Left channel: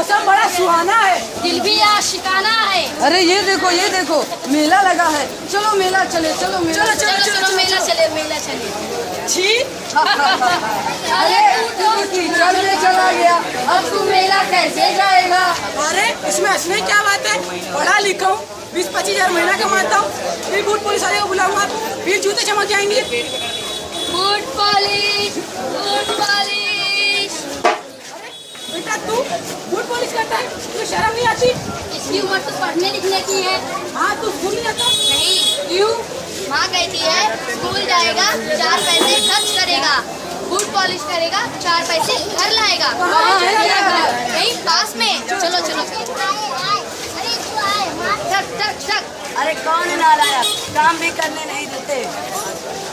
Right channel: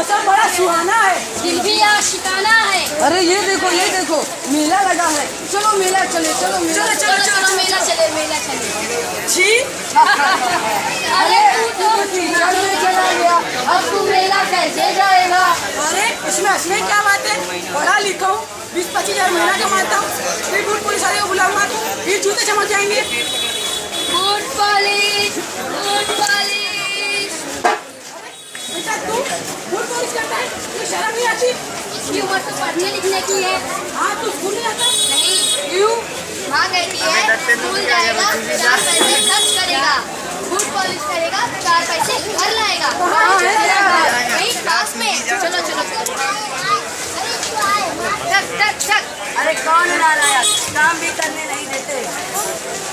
मौसम बड़ा सुहाना है, दिल भी आशिकाना है। अरे ये देखो मेला लगा है, चलो मेला चले, चलो मेला मेला चले। छी अरे टीचर में चला गया, अब तू मेला कैसे जाएगा? अरे इसमें क्या बात है, पढ़ा लिखा हूँ, 20-25 हजार महीना कमाता हूँ, फिर बूट पुलिस वाले को बुलाऊंगा फिर जूते चमक जाएंगे। Boot polish. बेटा तू बूट पॉलिश करता है, तो शर्म नहीं आती? इसकी उम्र तो पढ़ने लिखने की है। हाँ तू स्कूल नहीं जाता? नहीं। क्यों? माँ कहती है स्कूल जाएगा 4 पैसे खर्च करेगा, बूट पॉलिश करेगा 4 पैसे घर लाएगा। यही पास में। चलो। अरे कौन नालायक, काम भी करने नहीं देते।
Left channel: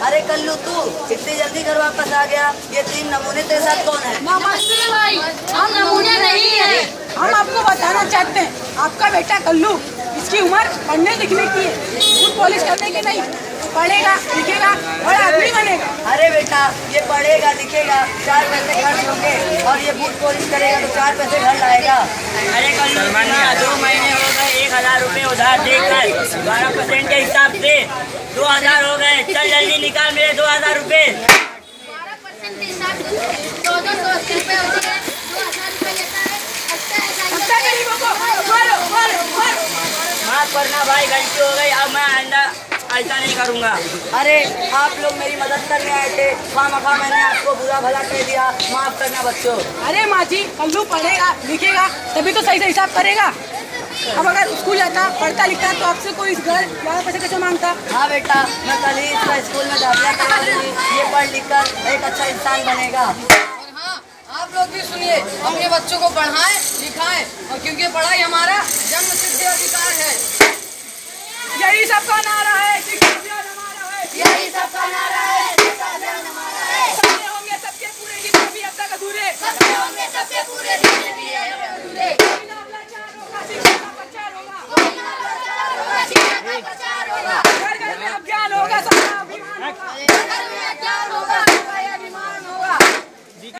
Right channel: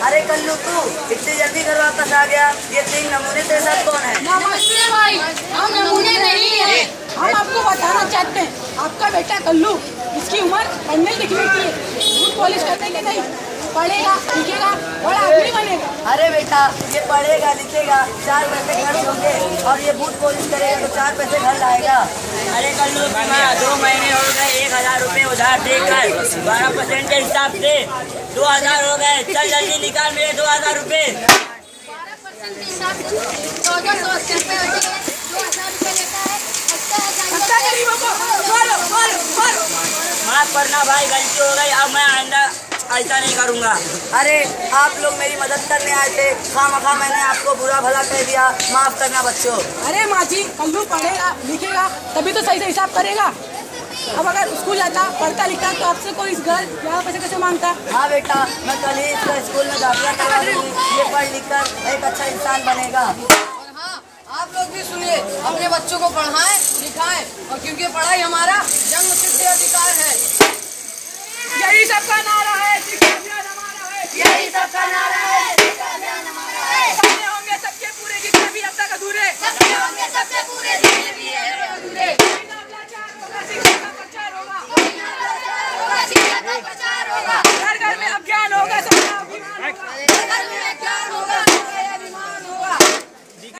अरे कल्लू तू इतनी जल्दी घर वापस आ गया, ये 3 नमूने तेरे साथ कौन है? नमस्ते भाई, हम नमूने नहीं है। हम आपको बताना चाहते हैं, आपका बेटा कल्लू, इसकी उम्र पढ़ने लिखने की है, बूट पॉलिश करने की नहीं। पढ़ेगा लिखेगा बड़ा आदमी बनेगा। अरे बेटा ये पढ़ेगा लिखेगा, 4 पैसे खर्च होंगे, और ये बूट पॉलिश करेगा तो 4 पैसे घर लाएगा। अरे कल्लू की माँ 2 महीने हो गए 1000 रुपए उधार देकर, 12% के हिसाब से 2000 हो गए। चल जल्दी निकाल मेरे 2000 रुपए। 12% के हिसाब से 1480 रुपए होते हैं, 2000 रुपए लेता है। अच्छा गरीबों को मारो। माफ करना भाई, गलती हो गई, अब मैं आइंदा ऐसा नहीं करूँगा। अरे आप लोग मेरी मदद करने आए थे, खामखा मैंने आपको बुरा भला कह दिया, माफ करना बच्चों। अरे माँ जी, कल्लू पढ़ेगा लिखेगा तभी तो सही से हिसाब करेगा। अब अगर स्कूल जाता पढ़ता लिखता तो आपसे कोई इस घर 11 पैसे कैसे मांगता? हाँ बेटा, मैं कल ही इसका स्कूल में दाखिला करवा दूंगी, ये पढ़ लिख कर एक अच्छा इंसान बनेगा। और हाँ, आप लोग भी सुनिए, अपने बच्चों को पढ़ाएं लिखाएं, और क्योंकि पढ़ाई हमारा जन्मसिद्ध अधिकार है। यही सबका नाम